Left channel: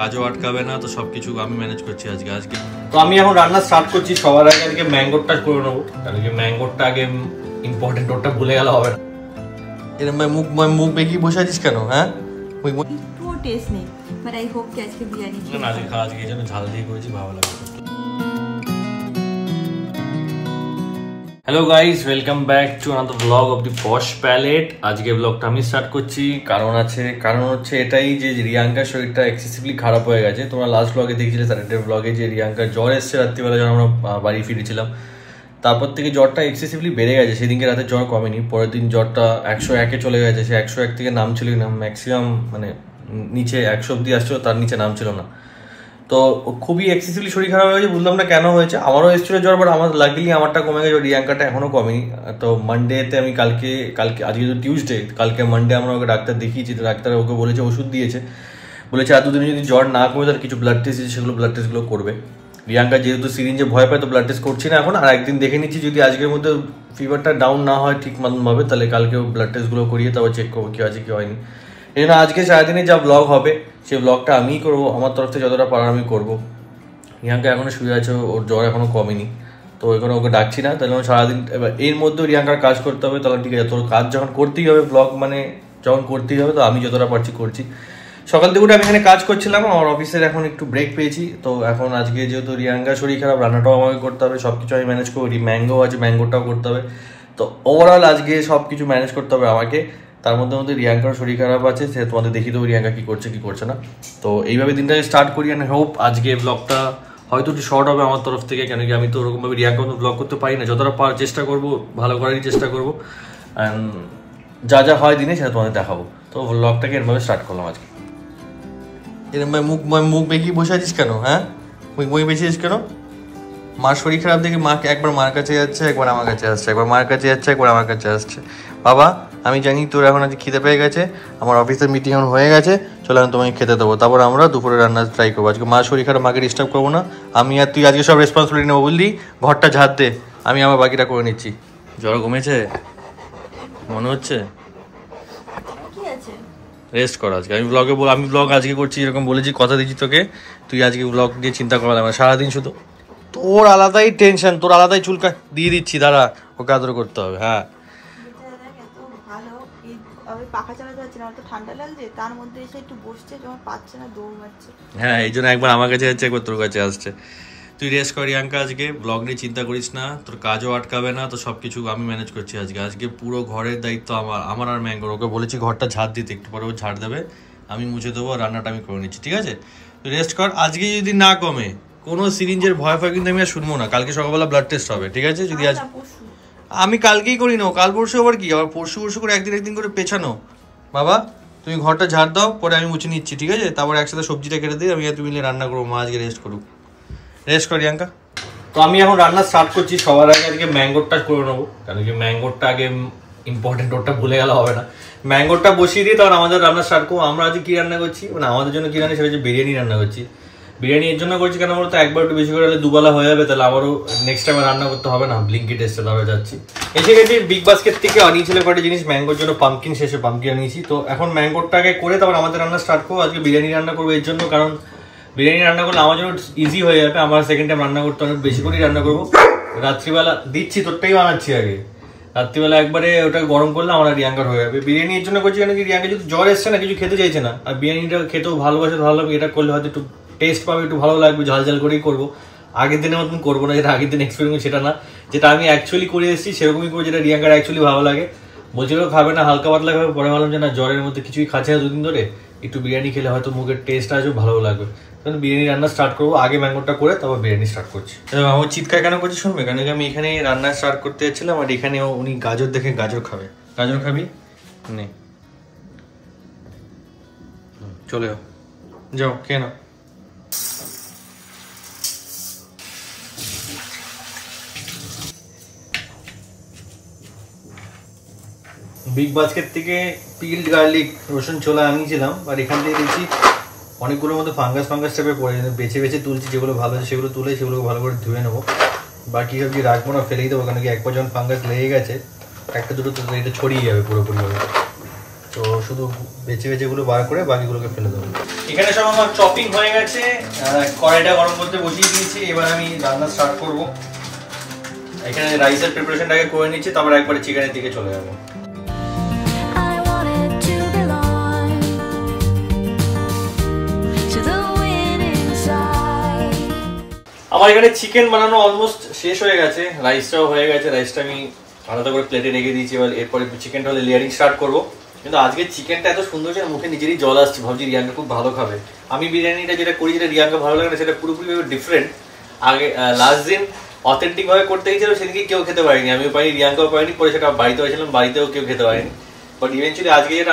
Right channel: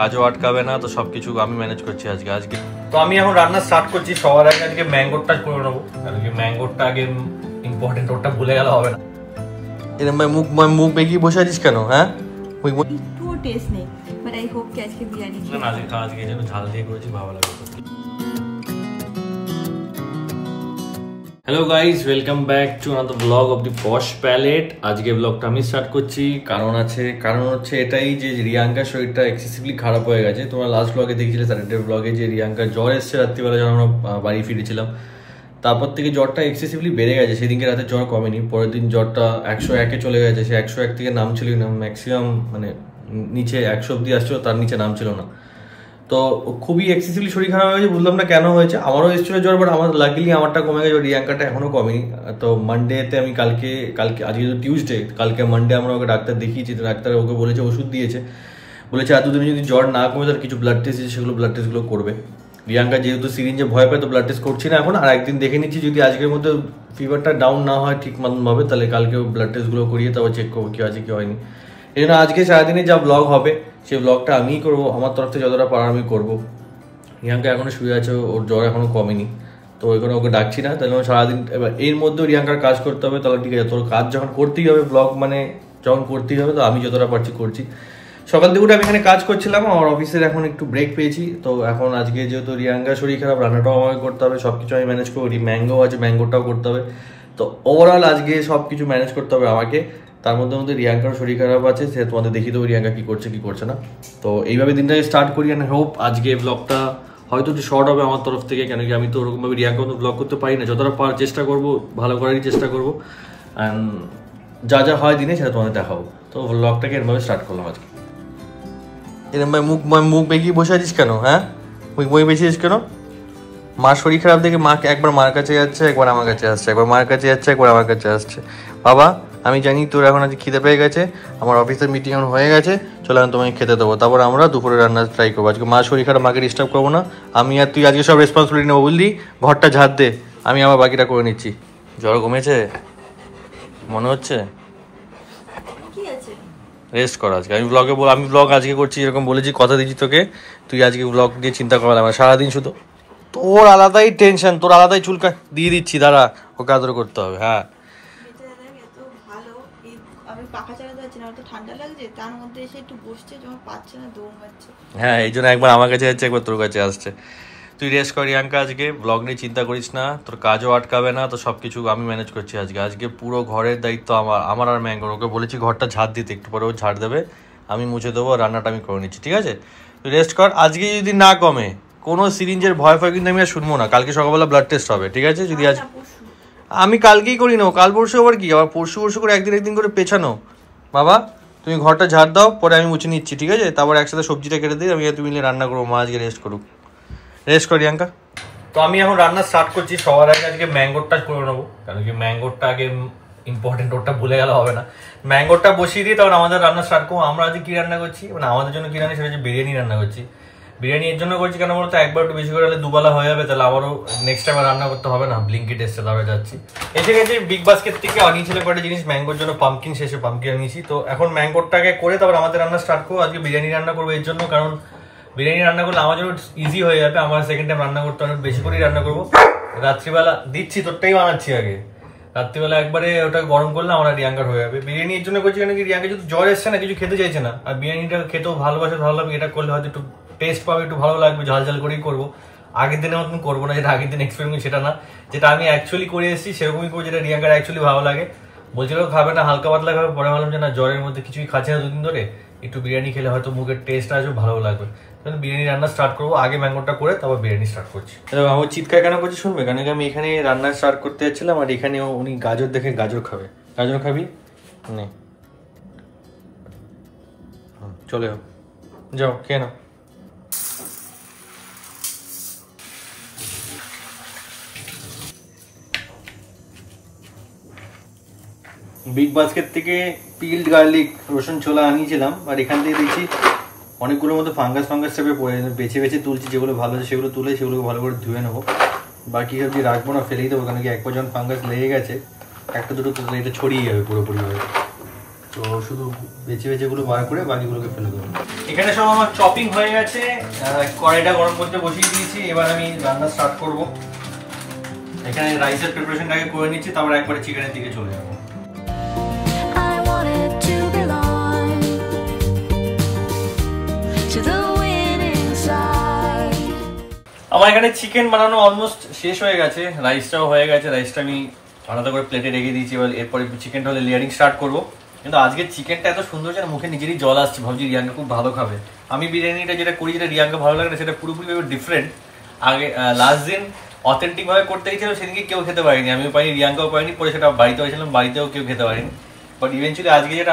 কাজও আটকাবে না, তো সবকিছু আমি ম্যানেজ করছি আজকে। তো আমি এখন রান্না স্টার্ট করছি। সবার আগে আজকে ম্যাঙ্গোটা করে নেবো, কারণ কি ম্যাঙ্গোটা আগে ইম্পর্টেন্ট, ওটা ভুলে গেলে হবে না। এরকম ভাই মুখ বেঁকিয়ে বসে আছিস কেন? হ্যাঁ, একটু টেস্ট নেই, বাট আই হোপ কি আজকে বিরিয়ানি না আজকে এই জন্য ঝাল দিয়ে করেছি, ভালো লাগবে। Hello guys, welcome back to another vlog of the Posh Palette. আজকে ব্লগটা আমি স্টার্ট করছি, কারণ হচ্ছে এটাই যে রিয়াঙ্কার শরীরটা এক্সেসিভলি খারাপ হয়ে গেছে। তোমরা লাস্ট ব্লগে দেখেছিলে, স্যাটারডে ব্লগে, যে রিয়াঙ্কার জ্বর এসছে রাত্রিবেলা যখন আমরা বাড়ি ফিরেছিলাম। তারপর থেকে জ্বরটা এক্সেসিভলি বেড়ে গেছে। সেদিনকে রাতে জ্বর কমেনি, পরের দিন জ্বরটা 101-এ চলে গেছে। সে 101 থেকে নামছিল না, ম্যাক্সিমাম মানে নিচে 100 অব্দি আসছিল, তার নিচে নামছিল না। তো খুবই এক্সেসিভলি শরীর খারাপ হয়েছে, বুঝলাম না কেন হয়েছে। আমারও এসেছিল জ্বর, বাট আমার লাকিলি আমারটা কমে গেছে, রিয়াঙ্কাটা এখনো কমেনি। তো মানডেতে আমি কালকে আজকে তো টিউসডে, কালকে মানডে আমরা ওকে ডাক্তার দেখিয়েছি। তো ডাক্তার ওকে বলেছে, ওষুধ দিয়েছে, বলেছে আর দুদিনে যদি জ্বর না কমে তাহলে কিছু ব্লাড টেস্ট দিয়েছে, সেগুলো ব্লাড টেস্টগুলো করবে। রিয়াঙ্কা যেহেতু সিরিঞ্জে ভয় পায়, তো ব্লাড টেস্ট করছি না এখন। আর একদিন দেখে নিচ্ছি, যদি আজকের মধ্যে ফিভারটা ডাউন না হয় ঠিক মতনভাবে, তাহলে কালকেও ব্লাড টেস্টগুলো করিয়ে তারপর চেক করবো কি আছে কি হয়নি। এই জন্য আজকে সারাদিনে যা ব্লগ হবে সেই ব্লগটা আমিই করবো, আমার তরফ থেকে যতটা পারার আমি করবো। রিয়াঙ্কা এখনো শুয়ে আছে, ওর জ্বর এখনো কমেনি, তো ওই ওকে ডাকছি না। তাহলে সারাদিন এবার এর মধ্যেও রিয়াঙ্কার কাজ করতে হবে, তাহলে ঠিক আছে। তোর কাজ যখন করতেই হবে, ব্লগ মানে যখন করতেই হবে, তো আমি যতটা পারছি করছি। সকাল থেকে উঠে আমি এখানে কাজ করছিলাম, আমার অফিসের এখন একটু ব্রেক পেয়েছি। তো এখন আজকে যেহেতু রিয়াঙ্কার শরীর খারাপ, রান্নাটাও আমাকে করতে হবে, সব কিছু আমি ম্যানেজ করি। ম্যাঙ্গো আছে, ম্যাঙ্গোটাও করতে হবে। তো ওভারঅল আজকে সব কিছু ম্যানেজ করতে হবে আমাকে। তার মধ্যে রিয়াঙ্কার শরীর খারাপ আছে, সে তোমাদের দেখিয়ে দেবো রিয়াঙ্কা কি করছে কি করছে না। তো এইভাবে দিনটাকে স্টার্ট করি। অ্যান্ড হোপ আজকে ব্লগটা হয়তো একটু শর্ট হবে আমার তরফ থেকে, কেন কি আমি তো ওরকমভাবে রিয়াঙ্কা মতো ব্লগ করতে পারি না। যতটা পারার চেষ্টা করবো, ভালো করারই চেষ্টা করবো। অ্যান্ড যা যা হয় দিনে সেটা তোমাদের দেখাবো। তো ব্লগটাকে এরভাবে স্টার্ট করলাম আজকে। এরকম ভাই মুখ বেঁকিয়ে বসে আছিস কেন? হ্যাঁ, মুখ বেঁচিয়েছিস কেন? মার শরীর খারাপ দেখে মাকে একবার মার কাছে যাচ্ছে, একবার আমার কাছে আসছে, একবার মার কাছে যাচ্ছে, একবার আমার কাছে আসছে। বাবা, আমি জানি তোর এখন আজকে খিদে পেয়ে গেছে, আমার অফিসের মিটিং এখন হয়ে গেছে, চলো আমি তোমাকে খেতে দেবো, তারপর আমরা দুপুরে রান্না ট্রাই করবো। আজকে মার শরীর খারাপ, মাকে ডিস্টার্ব করবো না আমি, আর তুই আজকে সব রেসপন্সিবিলিটি নেবো, বুঝলি? ঘরটা ঝাড় দে, আমি আমার বাকিটা করে নিচ্ছি। জ্বর কমেছে মনে হচ্ছে, রেস্ট কর আজকে। আমি ব্লগ আজকে করছি, এরকম বলেছি, কথা দিচ্ছি তোকে। তুই আজকে ব্লগ দিয়ে চিন্তা করা লাগবে সারাদিন, শুধু তোর আলাদাই টেনশন, তোর আলাদাই চুলকা দিয়ে দিচ্ছি, দাঁড়া, ওকে আদর করতে হবে। হ্যাঁ, হ্যাঁ, এই জন্য একবার আমার কাছে যাচ্ছে, একবার তোর কাছে আসছে। তুই রেস্ট কর রিয়াঙ্কা, আজকে ব্লগ নিয়ে চিন্তা করিস না, তোর কাজও আটকাবে না, তো সবকিছু আমি ম্যানেজ করছি আজকে পুরো ঘরের দায়িত্ব আমার আর ম্যাঙ্গোর। ওকে বলেছি ঘরটা ঝাড় দিতে, একটু পরে ও ঝাড় দেবে, আমি মুছে দেবো, রান্নাটা আমি করে নিচ্ছি, ঠিক আছে? তুই রেস্ট কর। আজকে যদি না কমে, কোনো সিরিঞ্জের ভয় কিন্তু আমি আর শুনবো না। কালকে সকালবেলা ব্লাড টেস্ট হবে, ঠিক আছে? যদি আজ আমি কালকেই করি না, কাল পরশু আবার কি, আবার পরশু করে একদিন করে পেছানো। বাবা, তুমি ঘরটা ঝাড় দাও, পরে আমি মুছে নিচ্ছি, ঠিক আছে? তারপর একসাথে সবজিটা কেটে দিই, আমি আর তুমি মিলে রান্না করবো। মা আজকে রেস্ট করুক, রেস্ট কর রিয়াঙ্কা। তো আমি এখন রান্না স্টার্ট করছি। সবার আগে আজকে ম্যাঙ্গোটা করে নেবো, কারণ কি ম্যাঙ্গোটা আগে ইম্পর্টেন্ট, ওটা ভুলে গেলে হবে না। ম্যাঙ্গোটা বসিয়ে দিয়ে তারপর আমাদের রান্না স্টার্ট করবো। আমরা আজকে কি রান্না করছি, মানে আমাদের জন্য কি রান্না, সেটা হচ্ছে বিরিয়ানি রান্না করছি। বিরিয়ানি এর জন্য করছি কেন বলতো, একবার একটু বেশি করে হলে দুবেলা হয়ে যাবে, তাহলে আবারও নেক্সট টাইম রান্না করতে হবে না। ব্লিঙ্কিট এসছে, তারপরে যাচ্ছি। এসে গেছি বিগ বাস্কেট থেকে, আনিয়েছিল কয়েকটা জিনিস ম্যাঙ্গোর জন্য, পাম্পকিন শেষে পাম্পকিন আনিয়েছি। তো এখন ম্যাঙ্গোটাকে করে তারপর আমাদের রান্না স্টার্ট করবো। আজকে বিরিয়ানি রান্না করবো এর জন্য, কারণ বিরিয়ানি রান্না করলে আমার জন্য ইজি হয়ে যাবে। আমার সেকেন্ড টাইম রান্না করতে অনেক বেশি করেই রান্না করবো। রাত্রিবেলা দিচ্ছি, তোরটাই বানাচ্ছি আগে। রাত্রিবেলা একবারে ওটা গরম করলে আমার রিয়াঙ্কার হয়ে যাবে। বিরিয়ানি এর জন্য করছি, কেন কি রিয়াঙ্কা যেহেতু জ্বর এসছে না, কিছু খেতে চাইছে না, আর বিরিয়ানিটা খেতেও ভালোবাসে, ভালো লাগবে। এটা করলে হয়তো একটু টেস্ট পাবে, একটু ভালো লাগবে, ঝাল ঝাল করেই করবো। আগের দিনের মতন করবো না, যেটা আগের দিন এক্সপেরিমেন্ট সেটা না, যেটা আমি অ্যাকচুয়ালি করে এসেছি সেরকমই করবো, যেটা রিয়াঙ্কার অ্যাকচুয়ালি ভালো লাগে। বলছিল খাবে না, হালকা পাতলা খাবে, পরে ভাবলাম যে না, জ্বরের মধ্যে কিছুই খাচ্ছে না দুদিন ধরে, একটু বিরিয়ানি খেলে হয়তো মুখের টেস্ট আসবে, ভালো লাগবে। বিরিয়ানি রান্না স্টার্ট করবো, আগে ম্যাঙ্গোটা করে তারপর বিরিয়ানি স্টার্ট করছি। আমার চিৎকার কেন করছি শুনবে, কারণ আমি এখানে রান্না স্টার্ট করতে যাচ্ছিলাম, আর এখানে উনি গাজর দেখে গাজর খাবে। গাজর খাবি? নে, চলে যাও, খেয়ে নাও। বিগ বাস্কেট থেকে পিল্ড গার্লিক, রসুন, ছোলা আনিয়েছিলাম, আর এখান থেকে দেখছি অনেকগুলোর মধ্যে ফাঙ্গাস টাইপের পড়ে, বেছে তুলছি, যেগুলো ভালো আছে সেগুলো তুলে সেগুলোকে ভালো করে ধুয়ে নেবো। বাকি সবজি রাখবো না, ফেলেই দেবো, কারণ কি একবার যখন ফাঙ্গাস লেগে গেছে, একটা দুটো তো এটা ছড়িয়ে যাবে পুরোপুরিভাবে। তো শুধু বেছে বেছেগুলো বার করে বাকিগুলোকে ফেলে দেবো। এখানে সব আমার চপিং হয়ে গেছে, কড়াইটা গরম করতে বসিয়ে দিয়েছি। এবার আমি রান্না স্টার্ট করব। এখানে রাইসের প্রিপারেশনটাকে করে নিচ্ছি, তারপর একবারে চিকেনের দিকে চলে যাবো। আমার এখানে চিকেন বানানো অলমোস্ট শেষ হয়ে গেছে, রাইসটাও হয়ে গেছে। রাইসটা আমি আলাদা করে প্লেটে রেখে দিয়েছি। এবার এরপরে চিকেনটা হলে লেয়ারিং স্টার্ট করবো। কিন্তু আজকে চিকেনটা এত সুন্দর যে মুখে নিজেরই জল আসছে, ভাবছি রিয়াঙ্কা খুব ভালো খাবে। আমি বিরিয়ানিটা যেটা করি, যেটা রিয়াঙ্কা ভালো লাগে না, সেটা পুরোপুরি ডিফারেন্ট। আগে লাস্ট দিন অথেন্টিক ভাবে করতে গেছিল, সেদিকে কেউ খেতে পারিনি, আমিও পাইনি, রিয়াঙ্কাও পাইনি। পরে সেটা বাড়িতে হয়েছিলাম, বাড়িতেও কেউ খেতে পারিনি। বাট ইভেন্চুয়ালি আজকে যেটা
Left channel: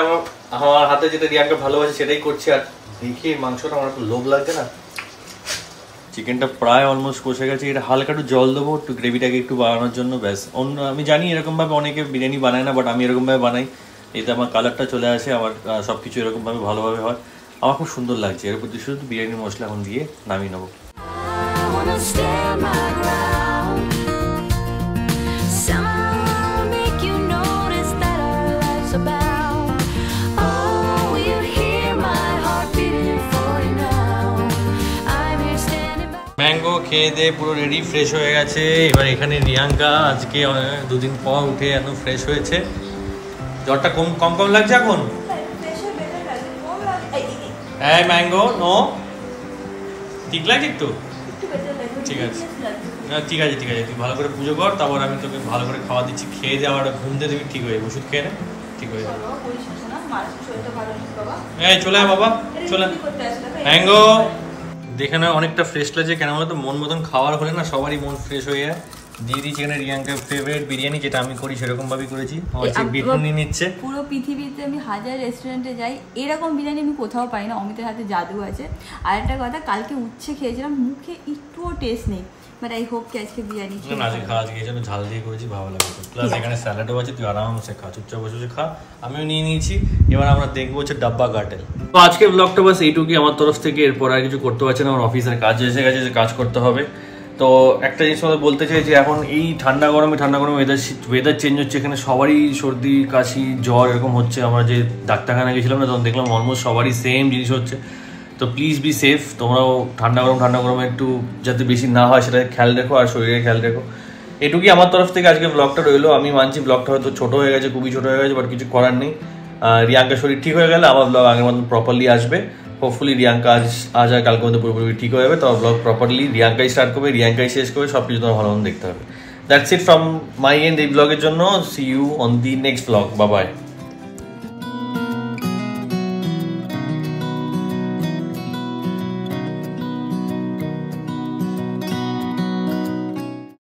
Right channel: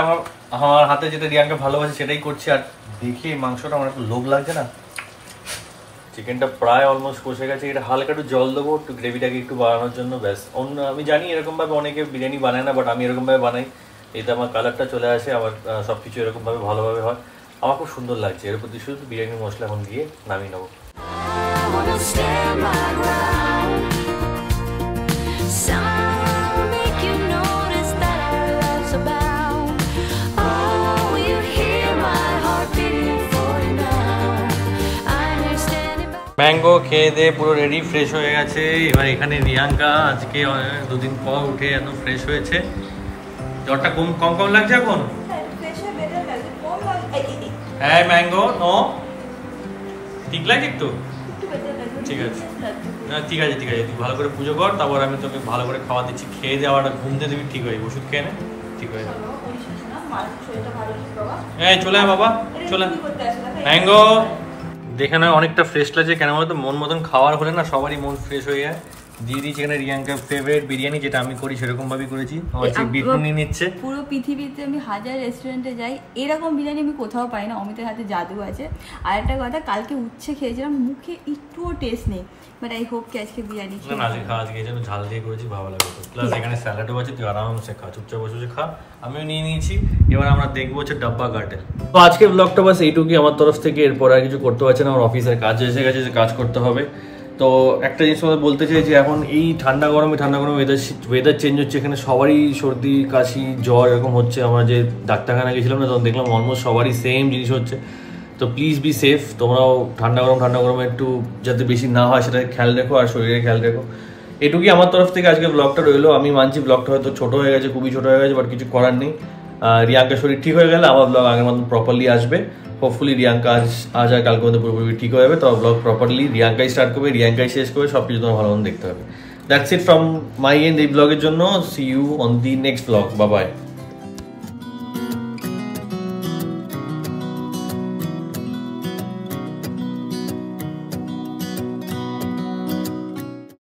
আমার হাতে যেটা রিয়াঙ্কা ভালোবাসে সেটাই করছি। আর দেখে মাংসটা আমার তো লোভ লাগছে না। চিকেনটা প্রায় অলমোস্ট কষে গেছে। এটা হালকা একটু জল দেবো, একটু গ্রেভিটাকে একটু বানানোর জন্য, ব্যাস। অন্য আমি জানি এরকমভাবে অনেকে বিরিয়ানি বানায় না, বাট আমি এরকমভাবে বানাই। এতে আমার কালারটা চলে আসে, আমার সবকিছু এরকমভাবে ভালোভাবে হয়। আমার খুব সুন্দর লাগছে। এর প্রতি শুধু বিরিয়ানি মশলা এখন দিয়ে নামিয়ে নেবো। ম্যাঙ্গো খেয়ে দিয়ে পুরো রেডি, ফ্রেশ হয়ে গেছে। এবার এখানে রিয়াঙ্কা আজকে 2 দিন পর উঠে এখন ফ্রেশ হয়েছে। জ্বরটা কম কম কম লাগছে এখন? হ্যাঁ ম্যাঙ্গো নো ঠিক লাগছে একটু? ঠিক আছে, ঠিক আছে, ঠিক আছে। তুই ভালো করে পুজো কর, তারপর আমি তোকে ভালো করে খাওয়া দিচ্ছি। খেয়ে যাওয়ার ঘুম দিয়ে তুমি ঠিক হয়ে যাবে। ওষুধ খেয়ে নে, ঠিক হয়ে যাবে। এই চলে আয় বাবা, চলে ম্যাঙ্গো। দেখে নয় অনেকটা ফ্রেশ লাগছে, কেন বলতো মন মতন খাওয়ার হলে না সবারই মন ফ্রেশ হয়ে যায়। দিয়ে দিচ্ছি এখানে রিয়াঙ্কার ফেভারিট বিরিয়ানি, যেটা আমি করি সেরকম ভাবেই করেছি। বিটুনি নিচ্ছে। পুরো পৃথিবীতে আমি হাজার রেস্টুরেন্টে যাই, এরকম বিরিয়ানি আমি কোথাও পাই না। অমিতের হাতে জাদু আছে। আর একটা কথা, কালকে উচ্ছে খেয়েছিলাম, মুখে একটুও টেস্ট নেই। বাট আই হোপ কি আজকে বিরিয়ানি না, আজকে খা। আজকে এই জন্য ঝাল দিয়ে করেছি, ভালো লাগে তো। প্লাস এখানে স্যালাডও আছে, তুই আরামসে খা, চুপচাপ বসে বসে খা। আমিও নিয়ে নিয়েছি। এবার আমরা দেখবো হচ্ছে ডাব্বা গার্ডেন। তো আজকের ব্লগটা বাস এইটুকুই আমার তরফ থেকে। এরপর আর কিছু করতে পারছি না, আমার অফিসের কাজ এসে গেছে, যে কাজ করতে হবে। তো একটা জিনিস আমাদের বলতে চাই যে এখন এই ঠান্ডা গরমে ওয়েদার চেঞ্জ হচ্ছে, এখানে সবারই সর্দি কাশি জ্বর এরকম হচ্ছে। আমরা যে ডাক্তারখানা গেছিলাম না, তখন দেখলাম অলমোস্ট সবারই সেম জিনিস হচ্ছে। তো প্লিজ বি সেফ। তোমরাও ঠান্ডা গরমে একটু যাতে বেশি না হয় সেটা খেয়াল রেখো, আর শরীরে খেয়াল রেখো। এটুকুই আমার তরফ থেকে আজকে ব্লগটা রইলো। আমি মানছি ব্লগটা হয়তো ছোট হয়ে গেছে, খুবই ছোট হয়ে গেছে, বাট কিছু করার নেই। রিয়াঙ্কার শরীর ঠিক হয়ে গেলে আবার ব্লগ আগের মতন প্রপারলি আসবে। হোপফুলি রিয়াঙ্কা আজ আর কালকে মধ্যে পুরোপুরি ঠিক হয়ে যাবে। তো ব্লগ প্রপারলি রিয়াঙ্কাই স্টার্ট করবে, রিয়াঙ্কাই শেষ করবে, সব কিছু তোমার ভালো মতো দেখতে হবে। That's it from my end এই ব্লগের জন্য। See you on the next vlog. Bye by.